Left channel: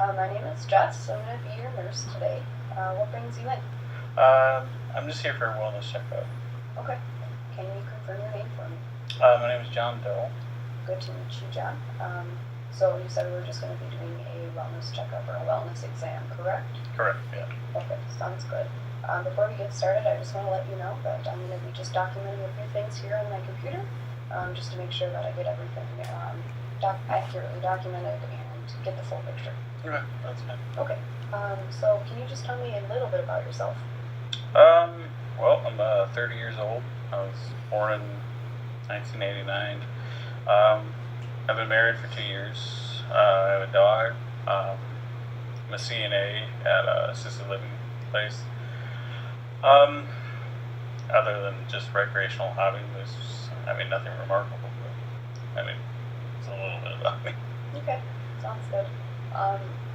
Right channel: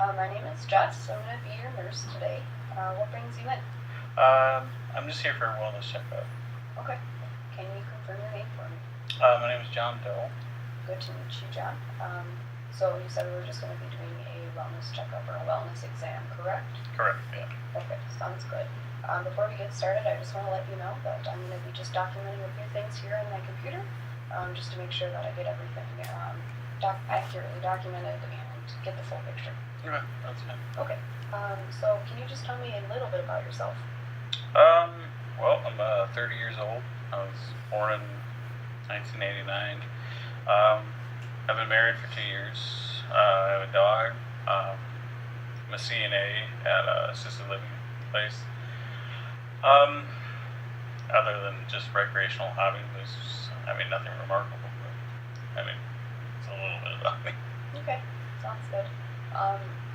My name is Jess. I'm going to be your nurse today. What brings you in? I'm just here for a wellness checkup. Okay. Can you confirm your name for me? My name is John Doe. Good to meet you, John. So you said we were just going to be doing a wellness checkup or a wellness exam, correct? Correct, yeah. Okay, sounds good. Before we get started, I just want to let you know that I'm going to be just documenting a few things here on my computer, just to make sure that I get everything accurately documented and get the full picture. Okay, that's fine. Okay. So can you just tell me a little bit about yourself? Well, I'm 30 years old. I was born in 1989. I've been married for 2 years. I have a dog. I'm a CNA at a assisted living place. Other than just recreational hobbies, nothing remarkable. But, it's a little bit about me. Okay, sounds good.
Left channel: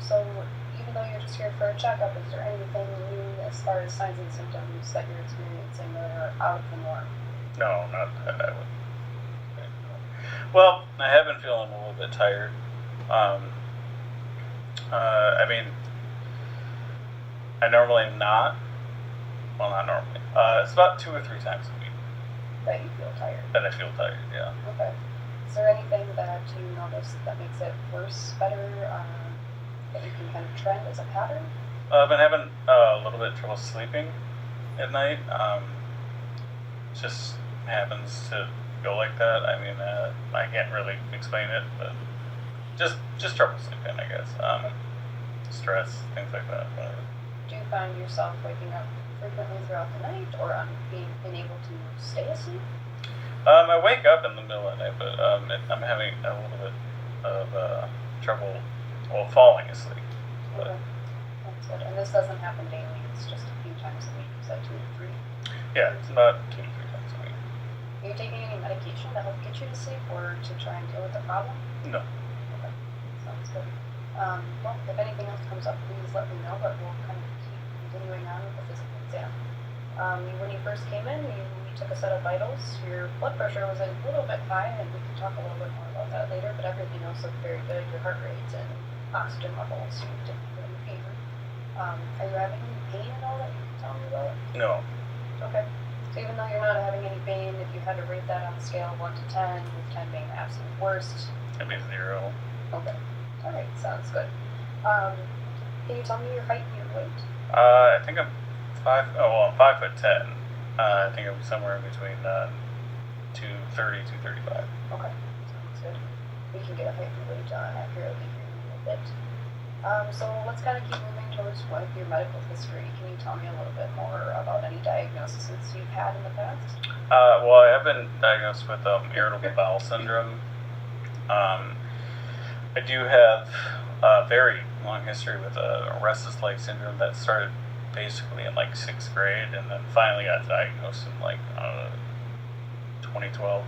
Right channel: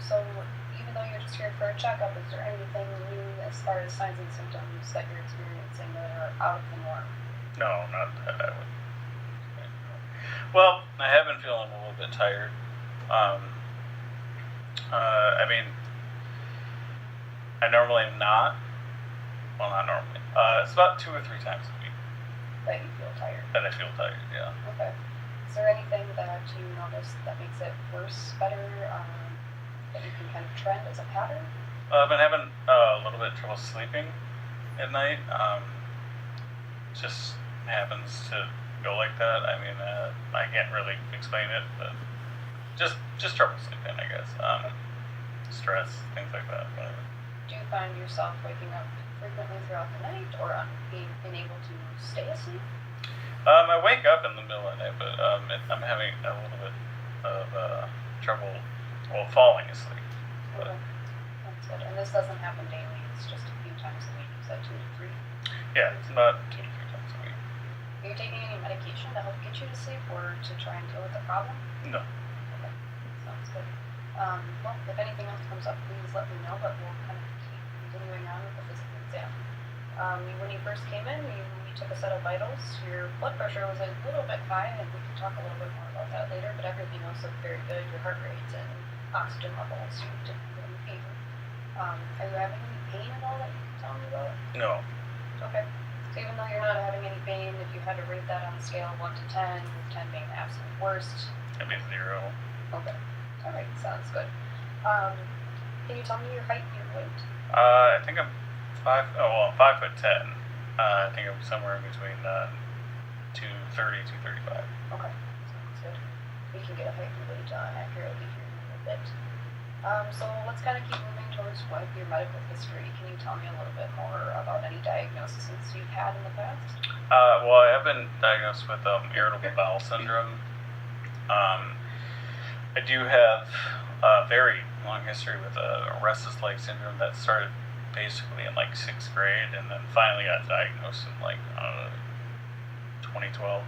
So even though you're just here for a checkup, is there anything new as far as signs and symptoms that you're experiencing that are out of the norm? No, not that I would. Well, I have been feeling a little bit tired. I normally am not. Well, not normally. It's about 2 or 3 times a week That you feel tired? that I feel tired, yeah. Okay. Is there anything that you notice that makes it worse, better, that you can kind of trend as a pattern? I've been having a little bit of trouble sleeping at night. It just happens to go like that. I can't really explain it, but just trouble sleeping, I guess. Stress, things like that, whatever. Do you find yourself waking up frequently throughout the night, or being unable to stay asleep? I wake up in the middle of the night, but I'm having a little bit of trouble, falling asleep. Okay, that's good. And this doesn't happen daily, it's just a few times a week. Is that 2 to 3? Yeah, it's about 2 to 3 times a week. Are you taking any medication to help get you to sleep, or to try and deal with the problem? No. Okay, sounds good. Well, if anything else comes up, please let me know, but we'll kind of keep continuing on with the physical exam. When you first came in, we took a set of vitals. Your blood pressure was a little bit high, and we can talk a little bit more about that later, but everything else looked very good. Your heart rates and oxygen levels seemed to be in favor. Are you having any pain at all that you can tell me about? No. Okay. So even though you're not having any pain, if you had to rate that on a scale of 1 to 10, with 10 being the absolute worst. It'd be 0. Okay. Alright, sounds good. Can you tell me your height and your weight? I think I'm 5'10". I think I'm somewhere in between 230, 235. Okay, sounds good. We can get a height and weight accurately here in a little bit. So let's kind of keep moving towards one of your medical history. Can you tell me a little bit more about any diagnoses you've had in the past? Well, I have been diagnosed with irritable bowel syndrome. I do have a very long history with restless leg syndrome that started basically in 6th grade, and then finally got diagnosed in 2012.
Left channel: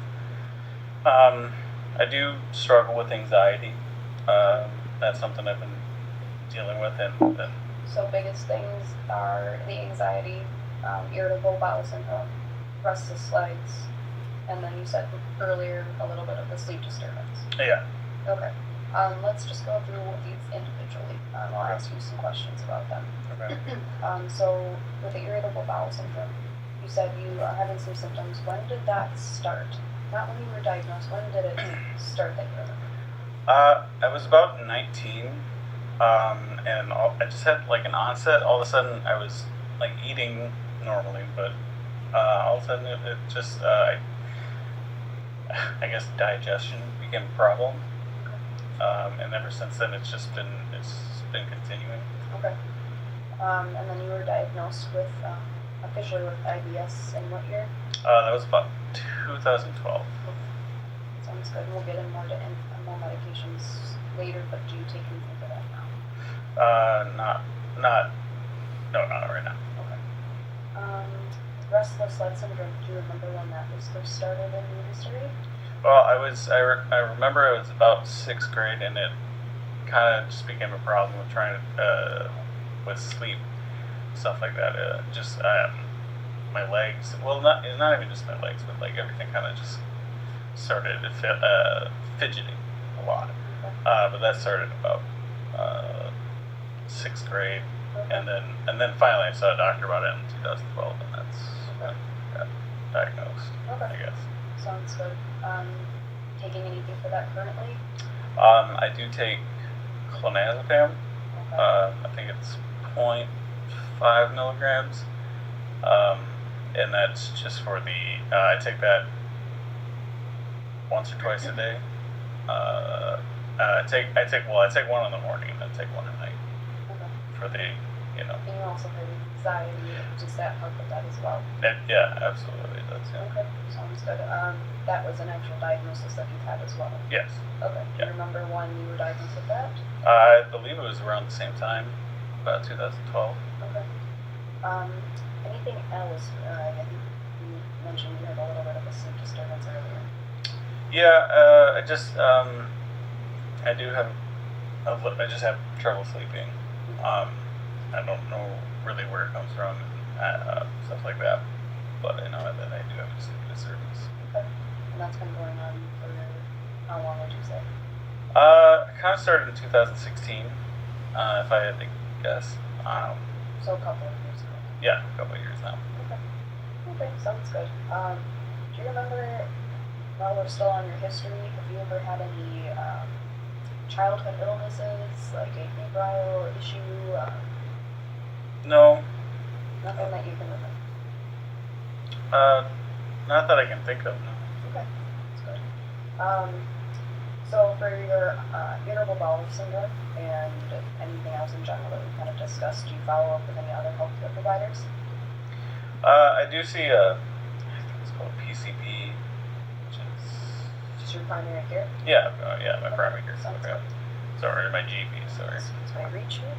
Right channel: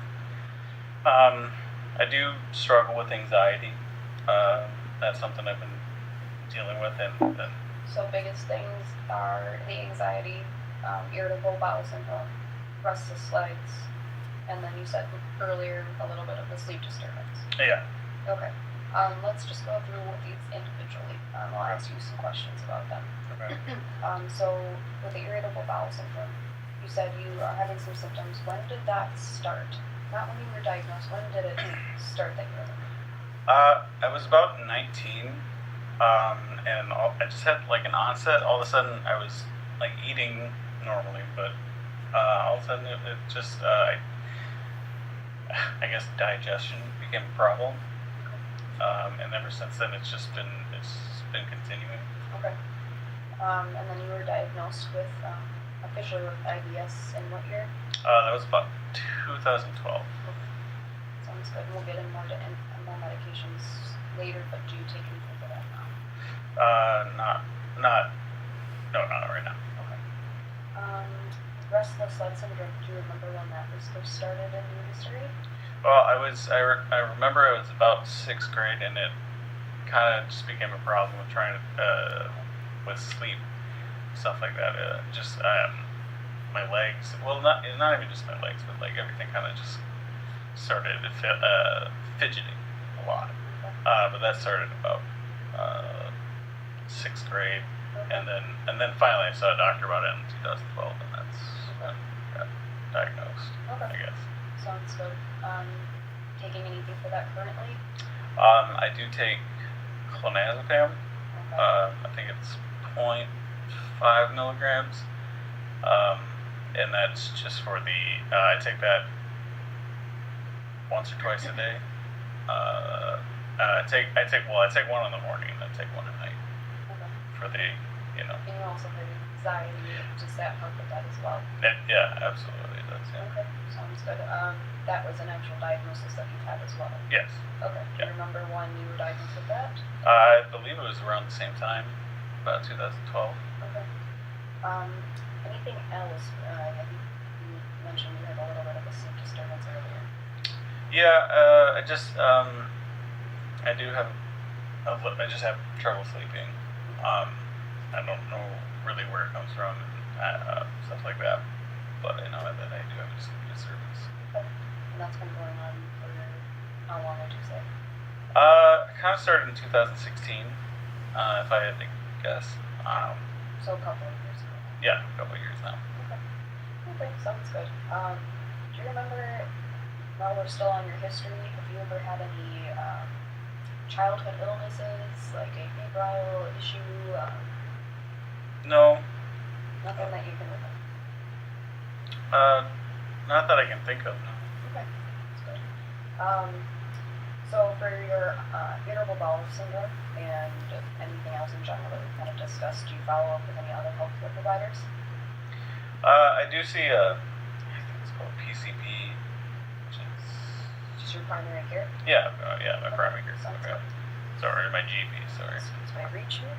I do struggle with anxiety. That's something I've been dealing with, and So biggest things are the anxiety, irritable bowel syndrome, restless legs, and then you said earlier a little bit of the sleep disturbance. yeah. Okay. Let's just go through these individually. I'll ask you some questions about them. Okay. So with the irritable bowel syndrome, you said you are having some symptoms. When did that start? Not when you were diagnosed. When did it start that you remember? I was about 19, and I just had an onset. All of a sudden, I was eating normally, but all of a sudden it just, I guess digestion became a problem. And ever since then, it's been continuing. Okay. And then you were diagnosed with, officially with IBS in what year? That was about 2012. Okay. Sounds good. We'll get in more medications later, but do you take anything for that now? Not right now. Okay. Restless leg syndrome, do you remember when that was first started in your history? Well, I remember it was about 6th grade, and it kind of just became a problem with trying to, with sleep, stuff like that. My legs, well, not even just my legs, but everything kind of just started fidgeting a lot. Okay. But that started about and then finally I saw a doctor about it in 2012, and that's when I got diagnosed. Okay. I guess. Sounds good. Taking anything for that currently? I do take clonazepam. Okay. I think it's 0.5 milligrams, and that's just for the. I take that once or twice a day. I take one in the morning and then take one at night Okay. for the, And you also have anxiety. Does that help with that as well? yeah, absolutely it does. Yeah. Okay. Sounds good. That was an actual diagnosis that you had as well. Yes. Okay. Do you remember when you were diagnosed with that? I believe it was around the same time, about 2012. Okay. Anything else? I think you mentioned you had a little bit of a sleep disturbance earlier. Yeah, I do have, I just have trouble sleeping. I don't know really where it comes from, stuff like that. But I know that I do have a sleep disturbance. Okay. And that's been going on for how long would you say? Kind of started in 2016, if I had to guess. So a couple of years ago. Yeah, a couple of years now. Okay. Okay, sounds good. Do you remember, while we're still on your history, have you ever had any childhood illnesses, like a febrile issue? No, Nothing that you can remember? not that I can think of. No. Okay, that's good. So for your irritable bowel syndrome and anything else in general that we kind of discussed, do you follow up with any other healthcare providers? I do see I think it's called PCP, which is Just your primary care? yeah, my primary care. Sounds Okay. good. Sorry, my GP. Sorry. That's my reach here.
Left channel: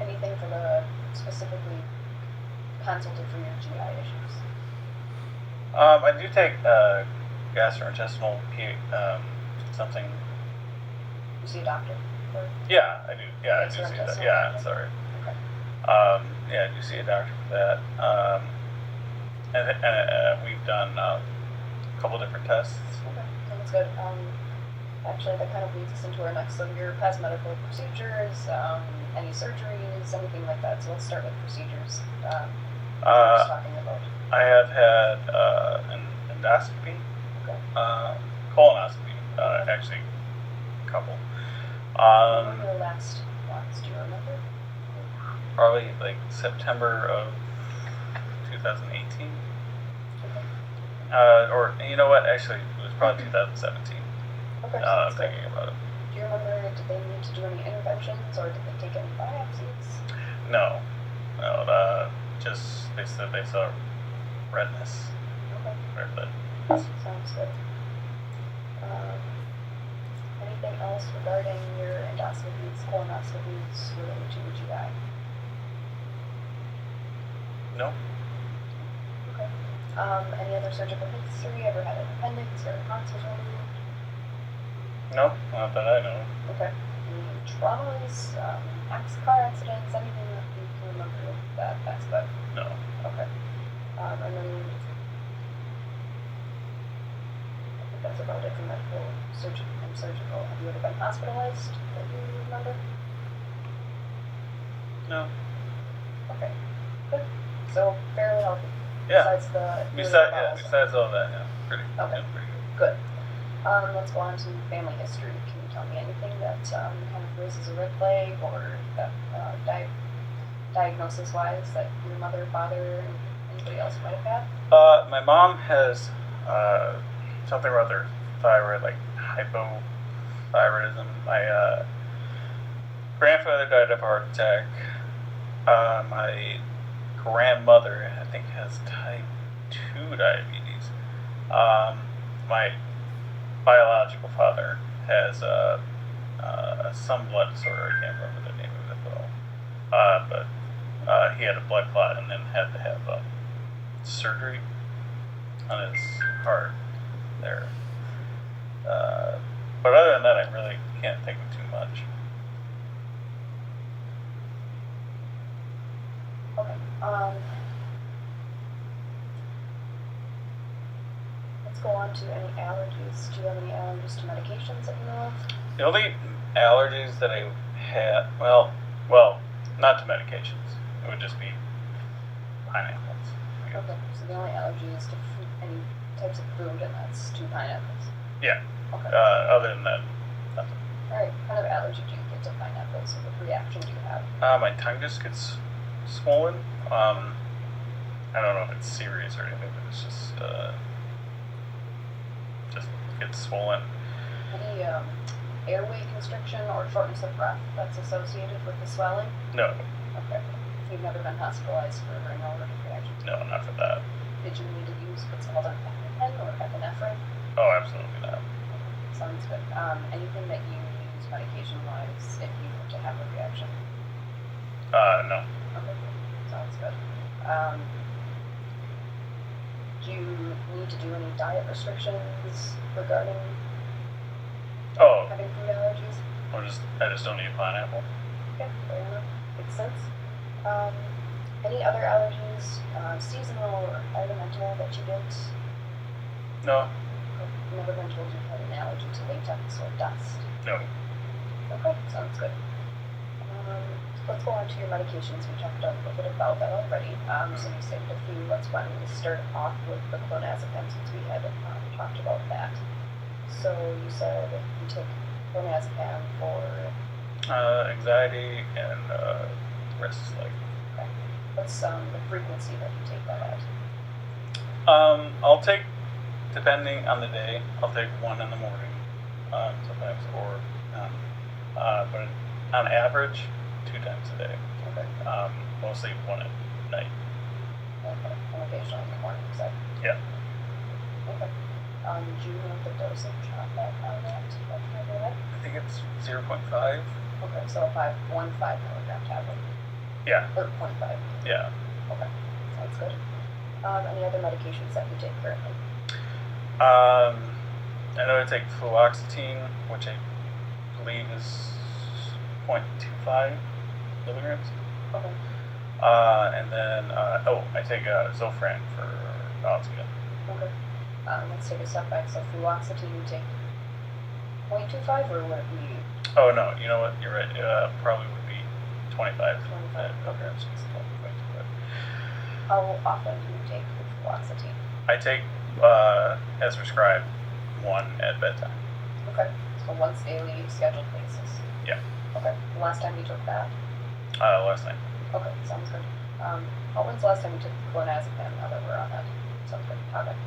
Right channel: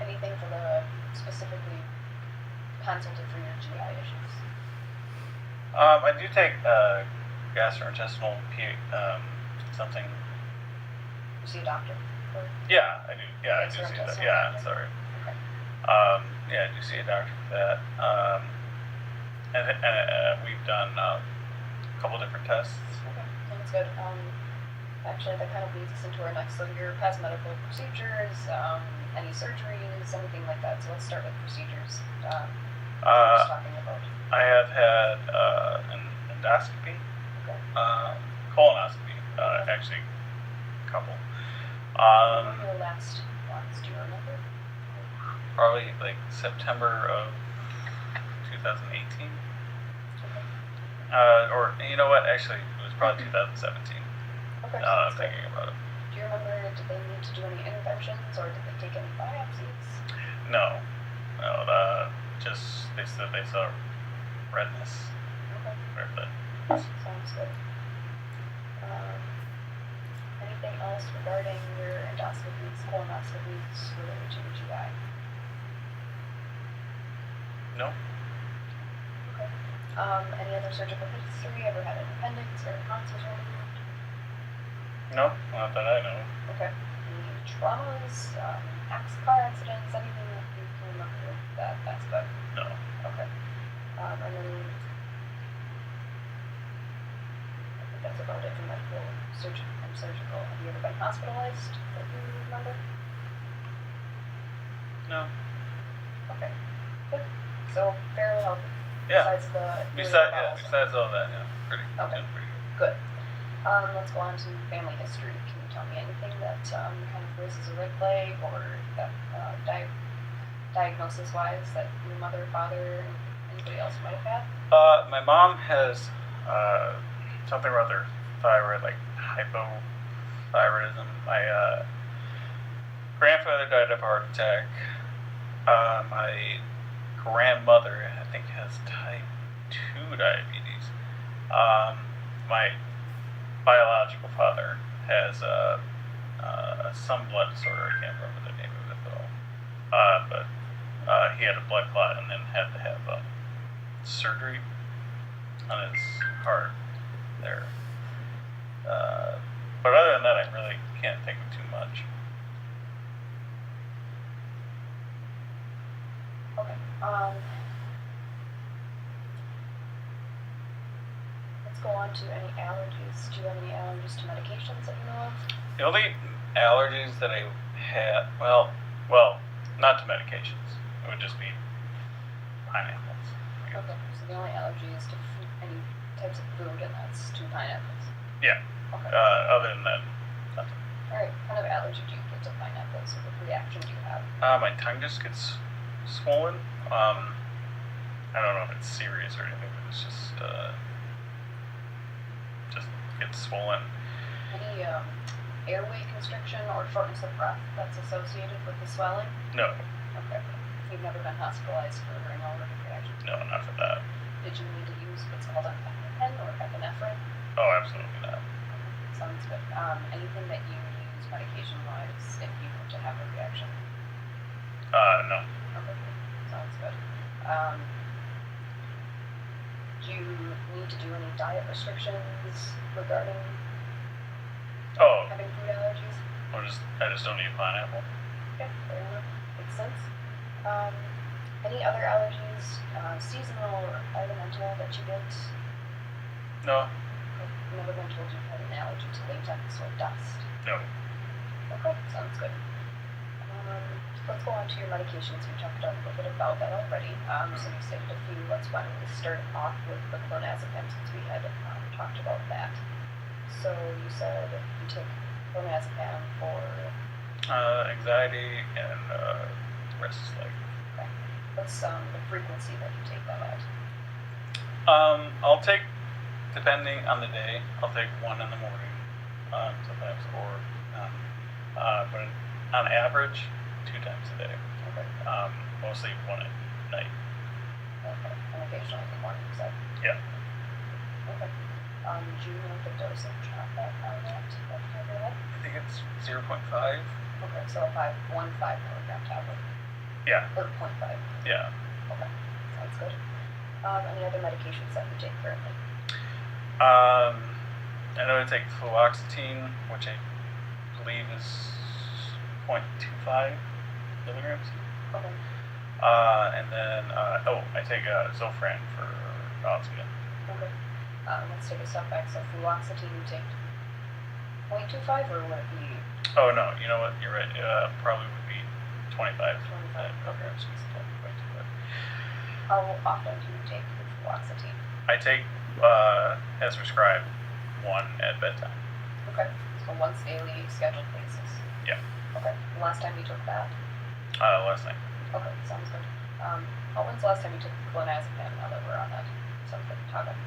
Anything for the specifically consulted for your GI issues? I do take gastrointestinal something. You see a doctor? For, Yeah, I do. Yeah, I do see that. Gastrointestinal Yeah, doctor? sorry. okay. Yeah, I do see a doctor for that. And we've done a couple different tests. Okay, sounds good. Actually, that kind of leads us into our next. So your past medical procedures, any surgeries, anything like that. So let's start with procedures. What I was talking about. I have had an endoscopy, Okay. colonoscopy, actually, a couple. When were your last ones? Do you remember? Probably like September of 2018. Okay. Or you know what? Actually, it was probably 2017. Okay. I'm sounds good. thinking about it. Do you remember? Did they need to do any interventions, or did they take any biopsies? No, just they said they saw redness. Okay. But Sounds good. Anything else regarding your endoscopies, colonoscopies related to your GI? no, Okay. Any other surgical history? Ever had an appendix or tonsils removed? no, not that I know. Okay. Any traumas, car accidents, anything that you can remember of that aspect? No. Okay. And then I think that's about it for medical and surgical. Have you ever been hospitalized that you remember? No. Okay. Good. So fairly healthy. Yeah. Besides the Besides all that, yeah, pretty. Okay. Yeah, pretty good. Good. Let's go on to family history. Can you tell me anything that kind of raises a red flag, or that diagnosis-wise that your mother, father, and anybody else might have had? My mom has something about their thyroid, like hypothyroidism. My grandfather died of a heart attack. My grandmother, I think, has type 2 diabetes. My biological father has some blood disorder. I can't remember the name of it though. But he had a blood clot and then had to have surgery on his heart there. But other than that, I really can't think of too much. Okay. Let's go on to any allergies. Do you have any allergies to medications that you know of? The only allergies that I had, Not to medications. It would just be pineapples. I guess. Okay, so the only allergy is to any types of fruit, and that's to pineapples. Yeah. Okay. Other than that, nothing. Alright, what kind of allergy do you get to pineapples? What reaction do you have? My tongue just gets swollen. I don't know if it's serious or anything, but it's just gets swollen. Any airway constriction or shortness of breath that's associated with the swelling? No, Okay. You've never been hospitalized for an allergic reaction? no, not for that. Did you need to use what's called an EpiPen or epinephrine? Oh, absolutely not. Okay, sounds good. Anything that you use medication-wise if you were to have a reaction? No. Okay, sounds good. Do you need to do any diet restrictions regarding Oh, having food allergies? I just don't eat pineapple. Okay, fair enough. Makes sense. Any other allergies, seasonal or environmental, that you get? No, I've never been told you've had an allergy to latex or dust. no. Okay, sounds good. Let's go on to your medications. We talked a little bit about that already. So you stated a few. Let's why don't we start off with the clonazepam, since we had talked about that. So you said you take clonazepam for Anxiety and restless leg. what's the frequency that you take that at? I'll take, depending on the day, I'll take one in the morning, sometimes, or but on average, 2 times a day. Okay. Mostly one at night. Okay. And occasionally in the morning, you said? Yeah. Okay. Do you know the dosage of that on that? I think it's 0.5. Okay, so a 5 milligram tablet. Yeah. Or 0.5. Yeah. Okay, sounds good. Any other medications that you take currently? I know I take fluoxetine, which I believe is 0.25 milligrams. Okay. And then, I take Zofran for nausea. Okay. Let's take a step back. So fluoxetine you take 0.25, or would it be Oh, no, you know what? You're right. Probably would be 25 25? milligrams. It's 25. How often do you take the fluoxetine? I take, as prescribed, 1 at bedtime. Okay. So once daily, scheduled basis. Yeah. Okay. The last time you took that? Last night. Okay, sounds good. When's the last time you took clonazepam, now that we're on that subject topic?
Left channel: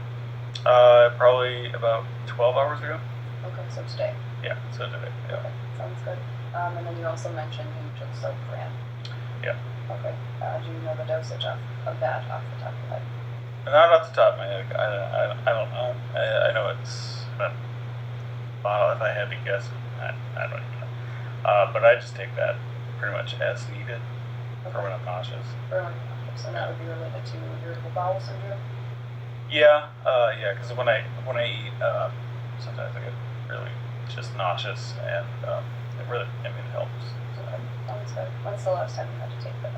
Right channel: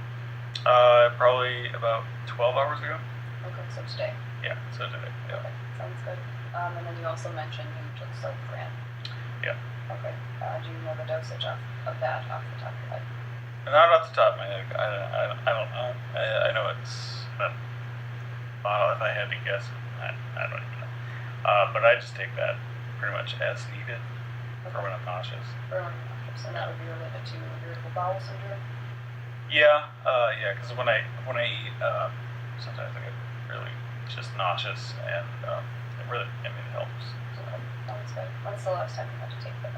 Probably about 12 hours ago. Okay, so today. Yeah, so today. Yeah. Okay, sounds good. And then you also mentioned you took Zofran. Yeah. Okay. Do you know the dosage of that off the top of your head? Not off the top of my head. I don't know. I know it's a bottle. If I had to guess, I don't even know. But I just take that pretty much as needed for when I'm nauseous. For when you're nauseous, and that would be related to irritable bowel syndrome? Yeah, because when I eat, sometimes I get really just nauseous, and it really, it helps. Okay, sounds good. When's the last time you had to take that?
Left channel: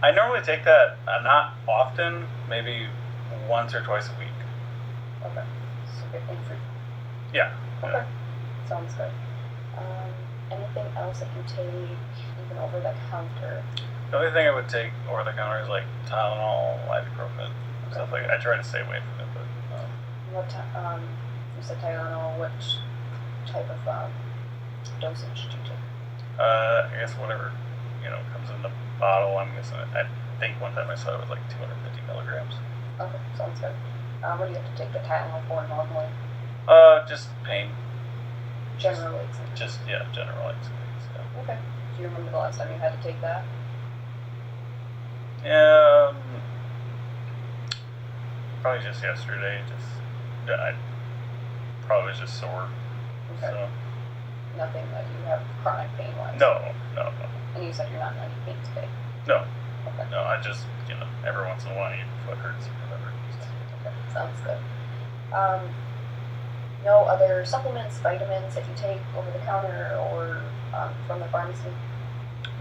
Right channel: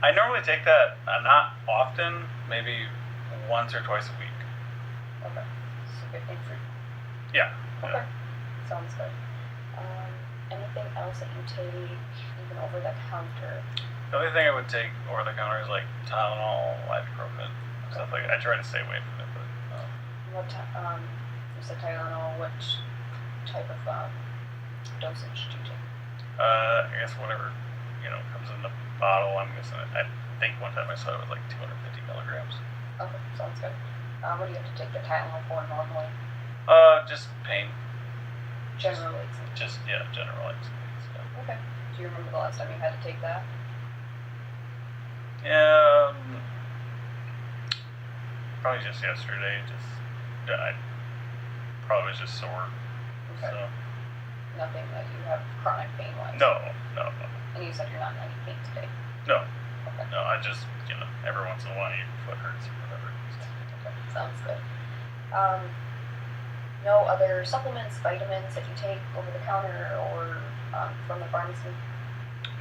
I normally take that not often, maybe once or twice a week. Okay, so a bit infrequent. Yeah. Okay, sounds good. Anything else that you take even over the counter? The only thing I would take over the counter is like Tylenol, ibuprofen, stuff like that. I try to stay away from it, but. You said Tylenol. Which type of dosage do you take? I guess whatever comes in the bottle. I'm guessing. I think one time I saw it was like 250 milligrams. Okay, sounds good. What do you have to take the Tylenol for normally? Just pain. General aches. General aches. Yeah. Okay. Do you remember the last time you had to take that? Yeah. Probably just yesterday. I probably was just sore. Okay. So. Nothing that you have chronic pain wise? No. And you said you're not in any pain today? No. Okay. No, I just, every once in a while your foot hurts or whatever. Okay, sounds good. No other supplements, vitamins that you take over the counter or from the pharmacy?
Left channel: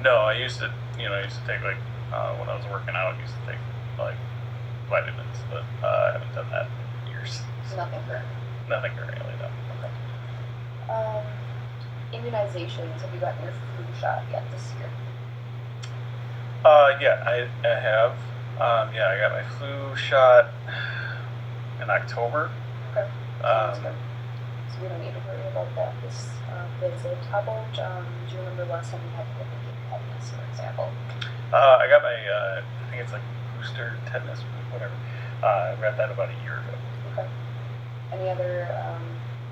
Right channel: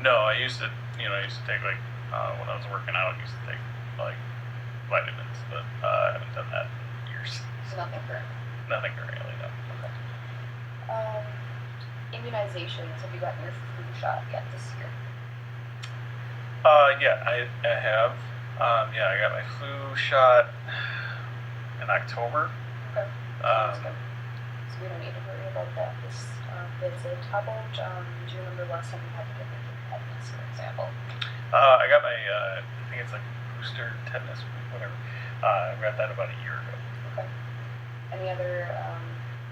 No, I used to take like, when I was working out, I used to take like vitamins, but I haven't done that in years. Nothing current? Nothing currently, no. Okay. Immunizations, have you gotten your flu shot yet this year? Yeah, I have. Yeah, I got my flu shot in October. Okay. Sounds Um, good. So we don't need to worry about that this visit. How about, do you remember last time you had to get like your tetanus, for example? I got my, I think it's like booster tetanus, whatever. I got that about a year ago. Okay. Any other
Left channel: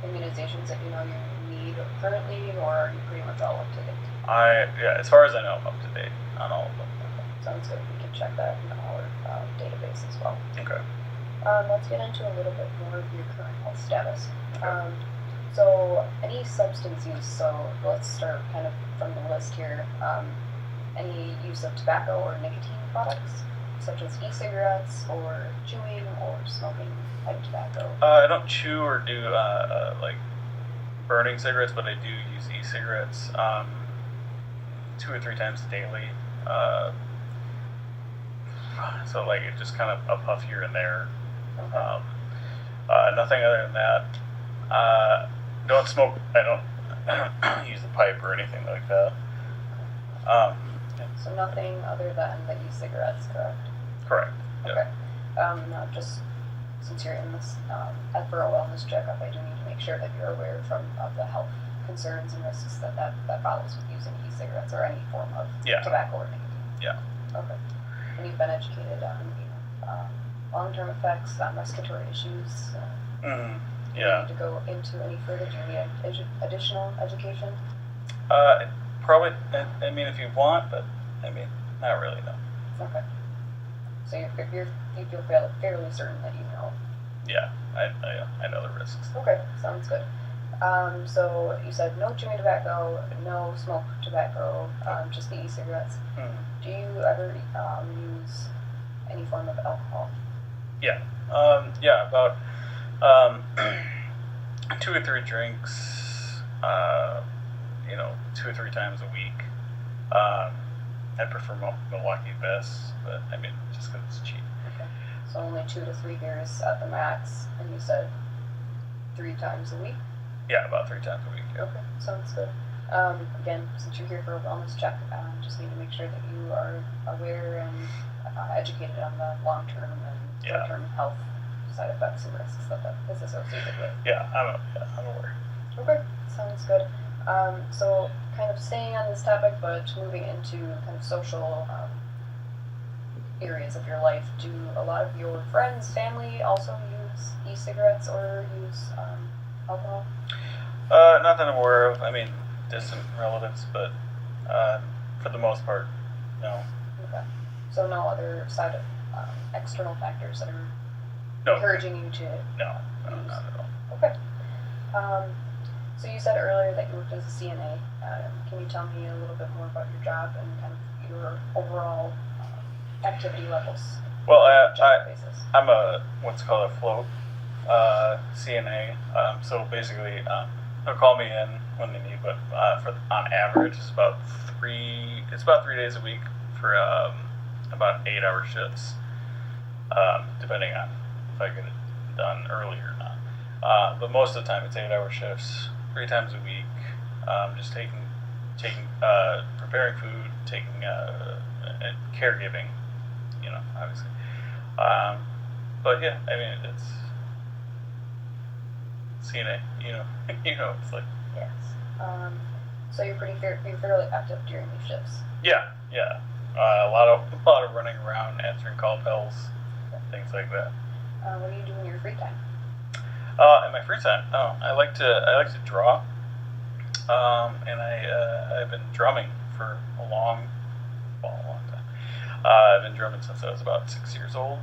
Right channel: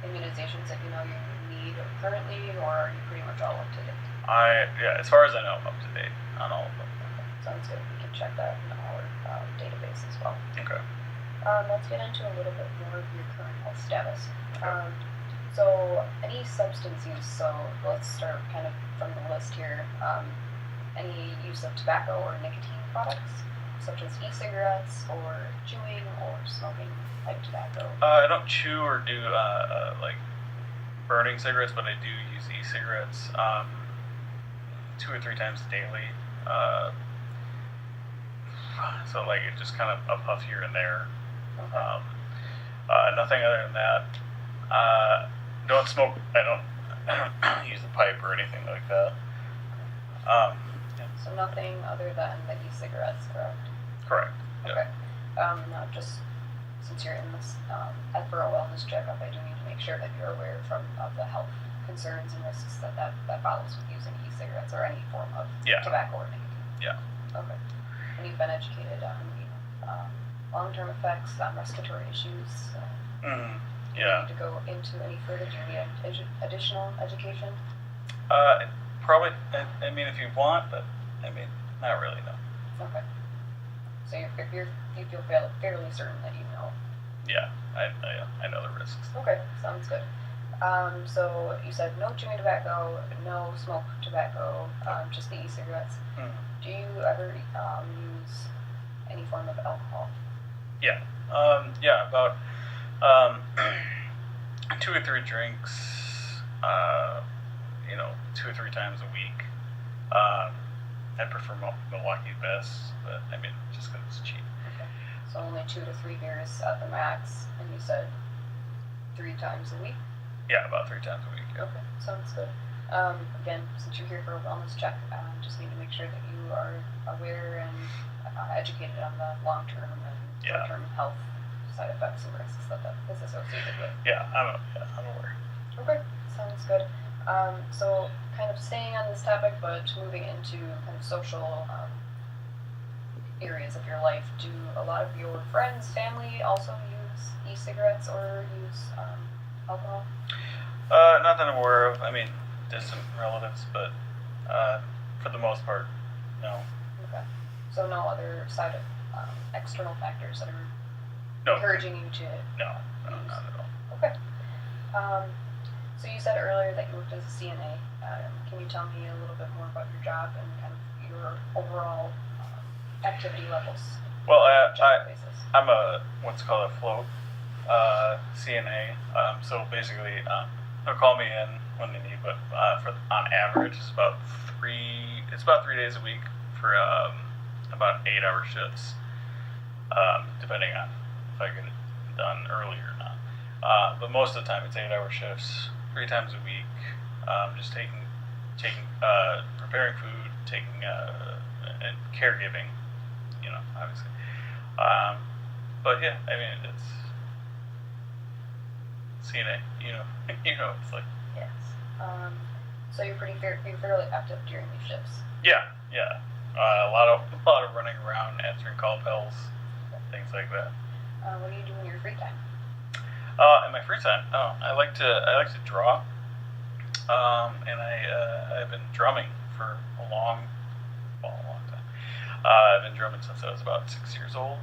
immunizations that you know you need currently, or are you pretty much all up to date? Yeah, as far as I know, I'm up to date on all of them. Okay. Sounds good. We can check that in our database as well. Okay. Let's get into a little bit more of your current health status. So, any substance use, so let's start kind of from the list here. Any use of tobacco or nicotine products, such as e-cigarettes or chewing or smoking type tobacco? I don't chew or do like burning cigarettes, but I do use e-cigarettes 2 or 3 times daily. So like it just kind of a puff here and there. Okay. Nothing other than that. Don't smoke. I don't use a pipe or anything like that. So nothing other than the e-cigarettes, correct? Correct. Okay. Now, just since you're in this for a wellness checkup, I do need to make sure that you're aware of the health concerns and risks that follows with using e-cigarettes or any form of tobacco or nicotine. Yeah. Okay. And you've been educated on long-term effects on respiratory issues. Yeah. Do you need to go into any further? Do you need additional education? Probably. I mean, if you want, but I mean, not really. No. Okay. So you feel fairly certain that you know. Yeah, I know the risks. Okay, sounds good. So you said no chewing tobacco, no smoke tobacco, just the e-cigarettes. Do you ever use any form of alcohol? Yeah. Yeah, about 2 or 3 drinks. 2 or 3 times a week. I prefer Milwaukee best, but I mean, just because it's cheap. Okay. So only 2 to 3 beers at the max, and you said 3 times a week? Yeah, about 3 times a week. Yeah. Okay, sounds good. Again, since you're here for a wellness check, just need to make sure that you are aware and educated on the long-term and short-term health side effects and risks that is associated with. Yeah, I'm aware. Okay, sounds good. So kind of staying on this topic, but moving into kind of social areas of your life, do a lot of your friends, family also use e-cigarettes or use alcohol? Not that I'm aware of. I mean, distant relatives, but for the most part, no. Okay. So no other side of external factors that are No. encouraging you to No, not at all. Okay. So you said earlier that you worked as a CNA. Can you tell me a little bit more about your job and kind of your overall activity levels? Well, on a job basis? I'm a what's called a float CNA. So basically, they'll call me in when they need, but on average, it's about 3 days a week for about 8-hour shifts, depending on if I get it done early or not. But most of the time, it's 8-hour shifts, 3 times a week. Just preparing food, and caregiving. Obviously. But yeah, I mean, it's CNA. It's like Yes. So you're fairly active during these shifts. yeah. A lot of running around, answering call bells, things like that. What do you do in your free time? In my free time, I like to draw, and I've been drumming for a long time. I've been drumming since I was about 6 years old.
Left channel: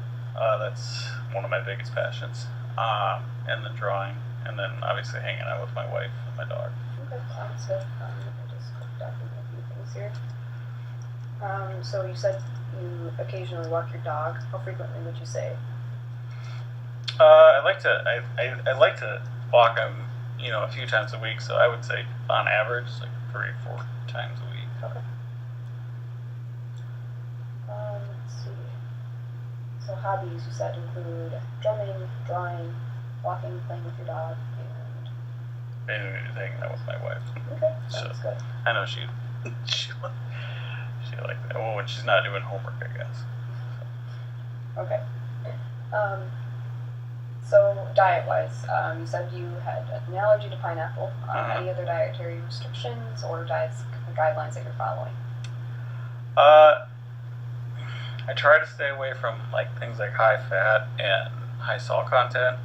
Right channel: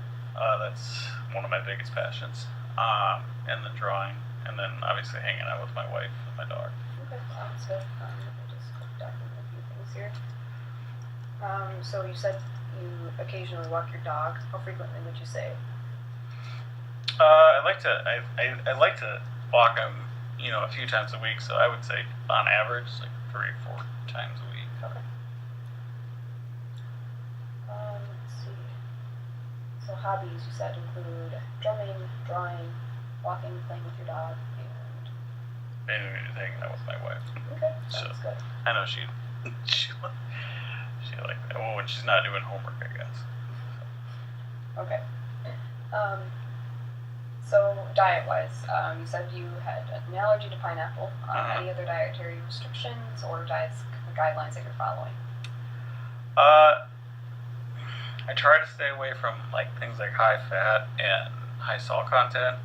That's one of my biggest passions. And then drawing, and then obviously hanging out with my wife and my dog. Okay, sounds good. Let me just document a few things here. So you said you occasionally walk your dog. How frequently would you say? I like to walk him, a few times a week. So I would say on average, like 3 or 4 times a week. Okay. Let's see. So hobbies you said include drumming, drawing, walking, playing with your dog, and And hanging out with my wife. okay, sounds good. I know she feel like that. Well, when she's not doing homework, I guess. Okay. So diet-wise, you said you had an allergy to pineapple. Any other dietary restrictions or guidelines that you're following? I try to stay away from like things like high fat and high salt content,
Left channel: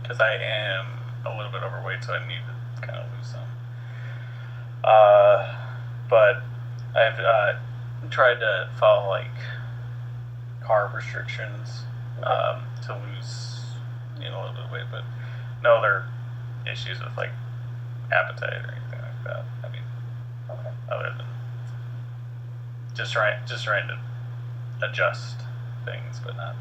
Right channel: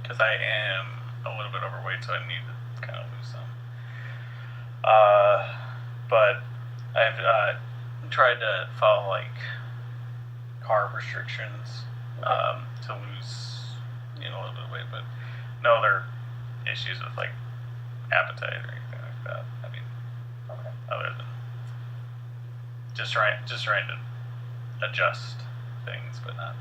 because I am a little bit overweight, so I need to kind of lose some. But I've tried to follow like carb restrictions to lose, a little bit of weight, but no other issues with like appetite or anything like that. I mean, Okay. other than just trying to adjust things, but not.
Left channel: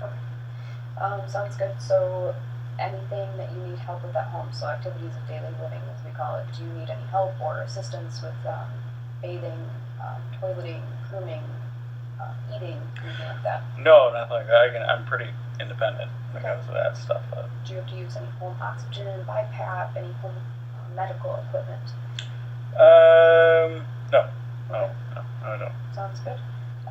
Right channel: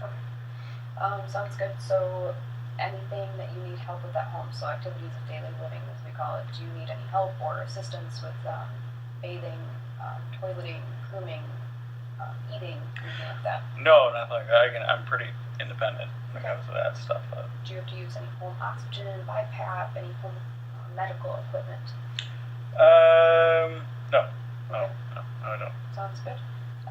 Okay. Sounds good. So anything that you need help with at home, so activities of daily living, as we call it, do you need any help or assistance with bathing, toileting, grooming, eating, anything like that? No, nothing like that. I'm pretty independent when it comes to that stuff. Do you have to use any home oxygen, BiPAP, any home medical equipment? No, I don't. Sounds good.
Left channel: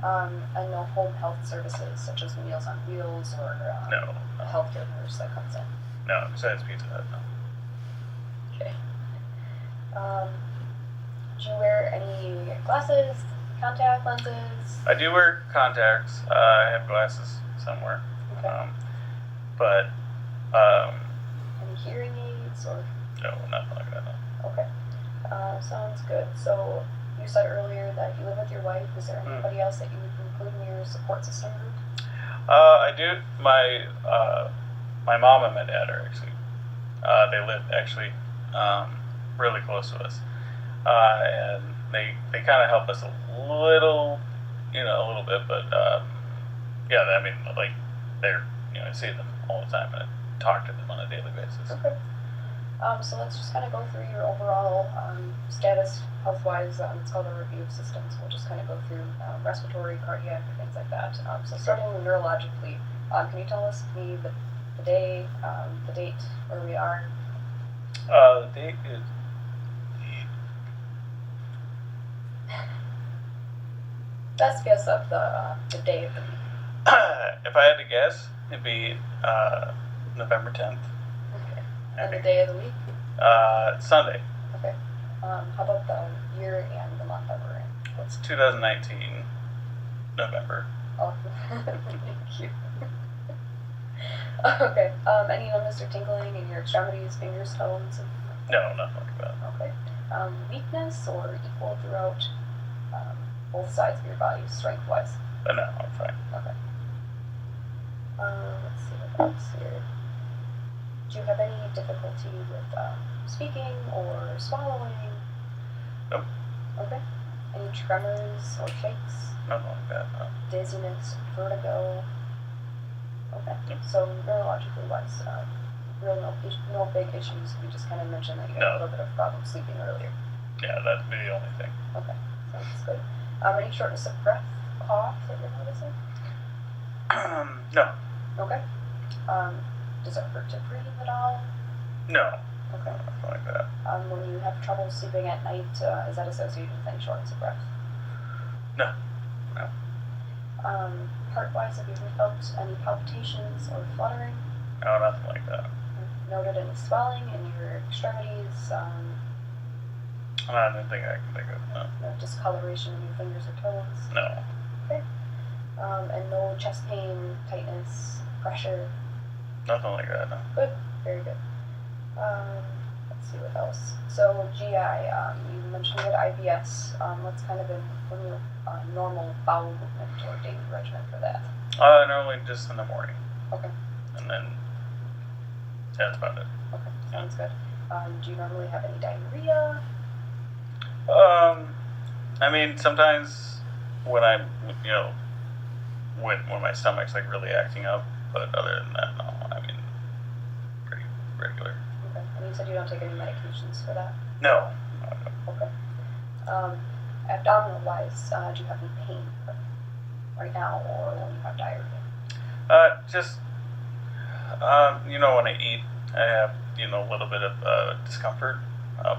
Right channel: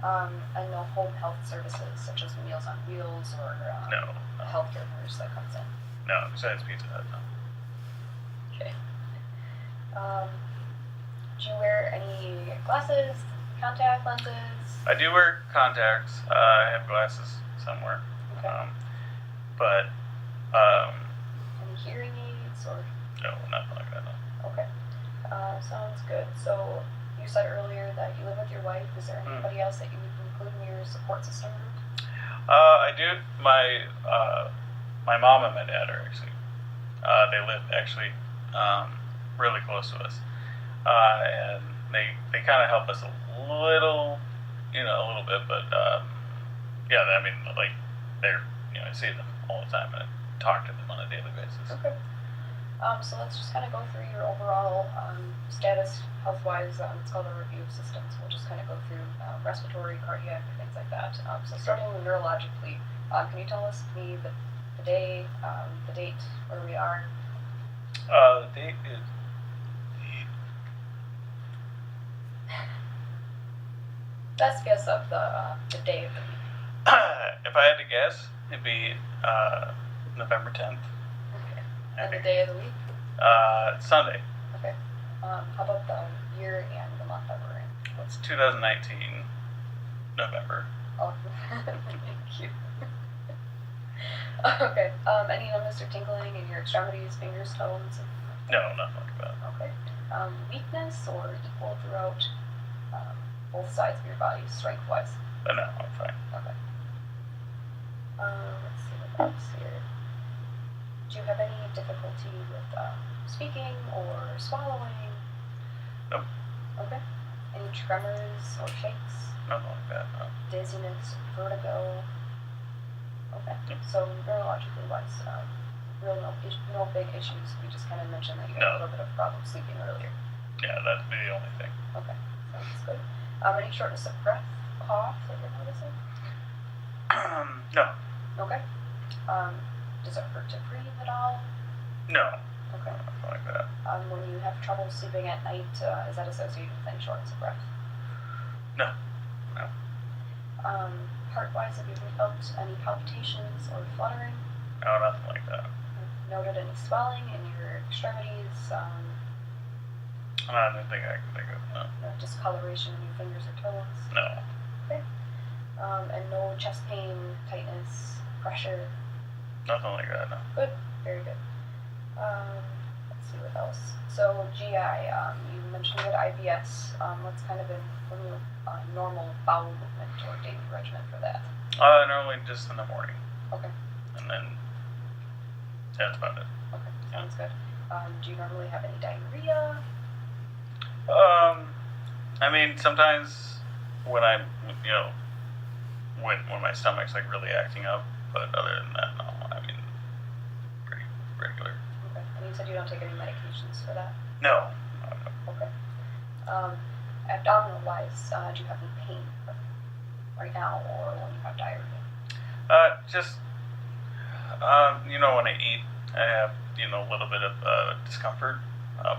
And no home health services such as Meals on Wheels or No, a healthcare nurse that comes in. no. Besides Pizza Hut, no. Okay. Do you wear any glasses, contact lenses? I do wear contacts. I have glasses somewhere. Okay. But Any hearing aids or? no, nothing like that. No. Okay. Sounds good. So you said earlier that you live with your wife. Is there anybody else that you would include in your support system group? I do. My mom and my dad are actually. They live actually really close to us, and they kind of help us a little bit. But yeah, I mean, like they're I see them all the time and I talk to them on a daily basis. Okay. So let's just kind of go through your overall status health-wise. It's called a review of systems. We'll just kind of go through respiratory, cardiac, things like that. So starting neurologically, can you tell us the day, the date, where we are? The date is Best guess of the day of the week. if I had to guess, it'd be November 10th. Okay. And the day of the week? Sunday. Okay. How about the year and the month that we're in? It's 2019, November. Oh, thank you. Okay. Any numbness or tingling in your extremities, fingers, toes? No, nothing like that. Okay. Weakness or equal throughout both sides of your body, strength-wise? No, I'm fine. Okay. Let's see what else here. Do you have any difficulty with speaking or swallowing? Nope. Okay. Any tremors or shakes? Nothing like that. No. Dizziness, vertigo? Okay. Yep. So neurologically wise, no big issues. You just kind of mentioned that you had a little bit of problem sleeping earlier. Yeah, that'd be the only thing. Okay. Sounds good. Any shortness of breath, cough that you're noticing? No. Okay. Does it hurt to breathe at all? No. Okay. Nothing like that. When you have trouble sleeping at night, is that associated with any shortness of breath? No. No. Heart-wise, have you ever felt any palpitations or fluttering? No, nothing like that. Noted any swelling in your extremities? I don't think I can think of. No. No discoloration in your fingers or toes? No. Okay. And no chest pain, tightness, pressure? Nothing like that. No. Good. Very good. Let's see what else. So GI, you mentioned you had IBS. What's kind of a normal bowel movement or daily regimen for that? Normally just in the morning, Okay. and then that's about it. Okay. Sounds good. Do you normally have any diarrhea? I mean, sometimes when I'm, when my stomach's like really acting up, but other than that, no. I mean, pretty regular. Okay. And you said you don't take any medications for that? No. Okay. Abdominal wise, do you have any pain right now or when you have diarrhea? Just, when I eat, I have, a little bit of discomfort,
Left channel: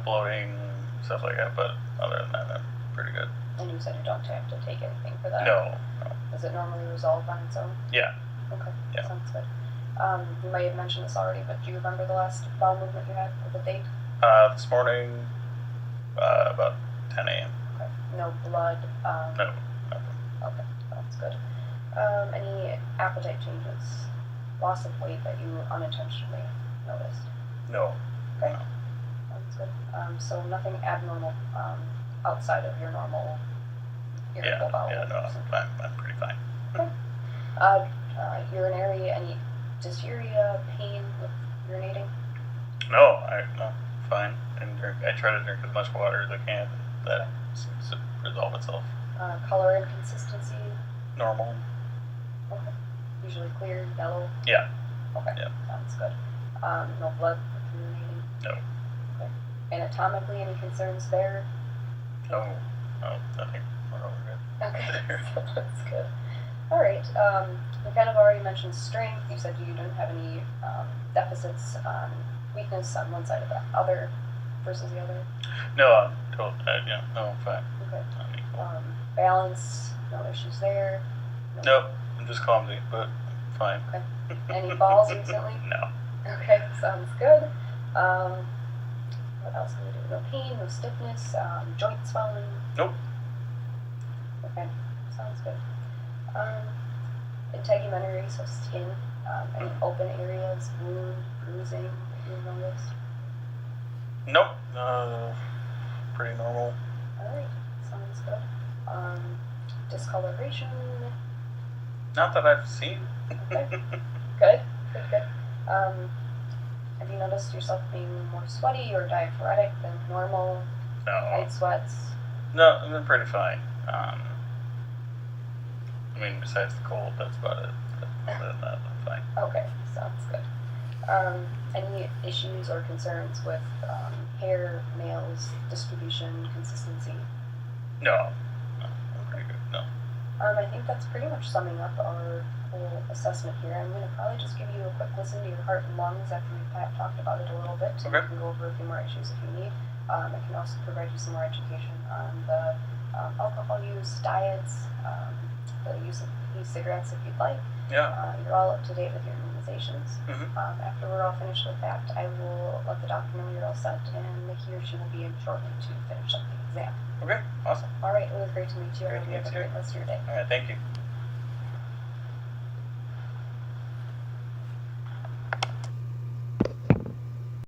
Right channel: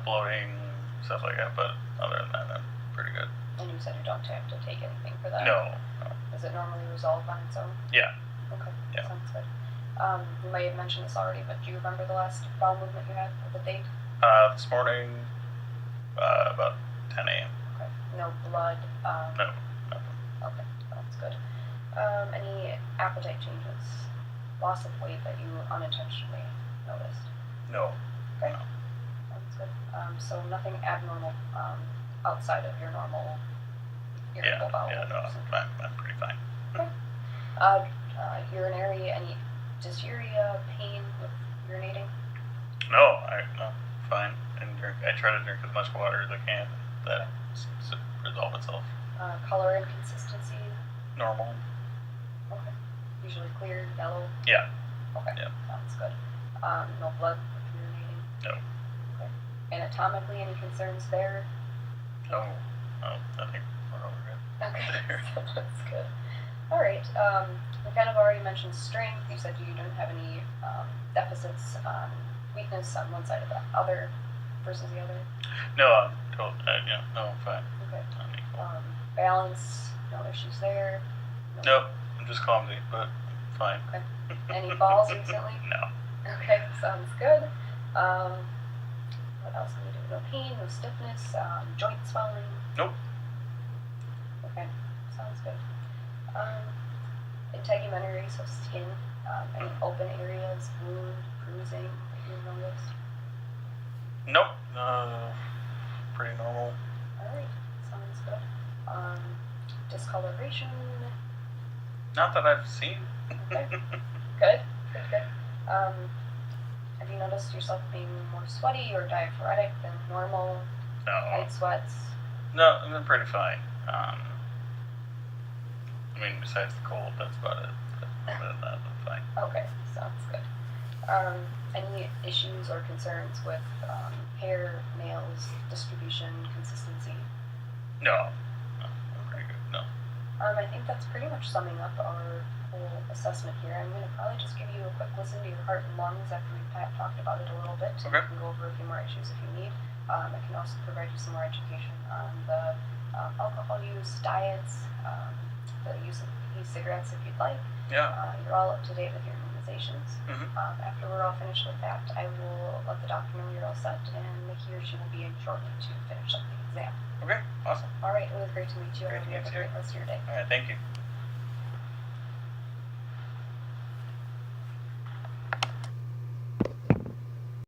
bloating, stuff like that, but other than that, I'm pretty good. said you don't have to take anything for that. No, no. Does it normally resolve on its own? Yeah. Okay, Yeah. sounds good. You may have mentioned this already, but do you remember the last bowel movement you had, or the date? This morning, about 10 a.m. Okay, no blood. No, nothing. Okay, sounds good. Any appetite changes, loss of weight that you unintentionally noticed? No. Okay, No. sounds good. So nothing abnormal outside of your normal irritable bowel. Yeah, no, I'm pretty fine. Urinary, any dysuria, pain with urinating? No, fine. And I try to drink as much water as I can. That seems to resolve itself. Color and consistency? Normal. Okay. Usually clear, yellow? Yeah. Okay, Yeah. sounds good. No blood with urinating? No. Okay. Anatomically, any concerns there? No. No, I think we're all good. Okay, that's good. All right. We kind of already mentioned strength. You said you didn't have any deficits on weakness on one side or the other versus the other. No, I'm no, I'm fine. Okay. I'm equal. Balance, no issues there. Nope, I'm just clumsy, but fine. Okay. Any falls recently? No. Okay, sounds good. What else can we do? No pain, no stiffness, joint swelling. Nope. Okay, sounds good. Integumentary, so skin, any open areas, wound, bruising that you noticed? Nope. Pretty normal. Alright, sounds good. Discoloration, Not that I've seen. okay, good. Have you noticed yourself being more sweaty or diaphoretic than normal? No. Night sweats? No, I've been pretty fine. I mean, besides the cold, that's about it. But other than that, I'm fine. Okay, sounds good. Any issues or concerns with hair, nails, distribution, consistency? No. No, I'm pretty good. No. I think that's pretty much summing up our whole assessment here. I'm going to probably just give you a quick listen to your heart and lungs after we've talked about it a little bit. And Okay. we can go over a few more issues if you need. I can also provide you some more education on the alcohol use, diets, the use of e-cigarettes if you'd like. Yeah. You're all up to date with your immunizations. Mm-hmm. After we're all finished with that, I will let the doctor know you're all set, and he or she will be in shortly to finish up the exam. Okay. Awesome. All right, it was great to meet you. I Great hope to you have meet a you. great rest of your day. All right. Thank you.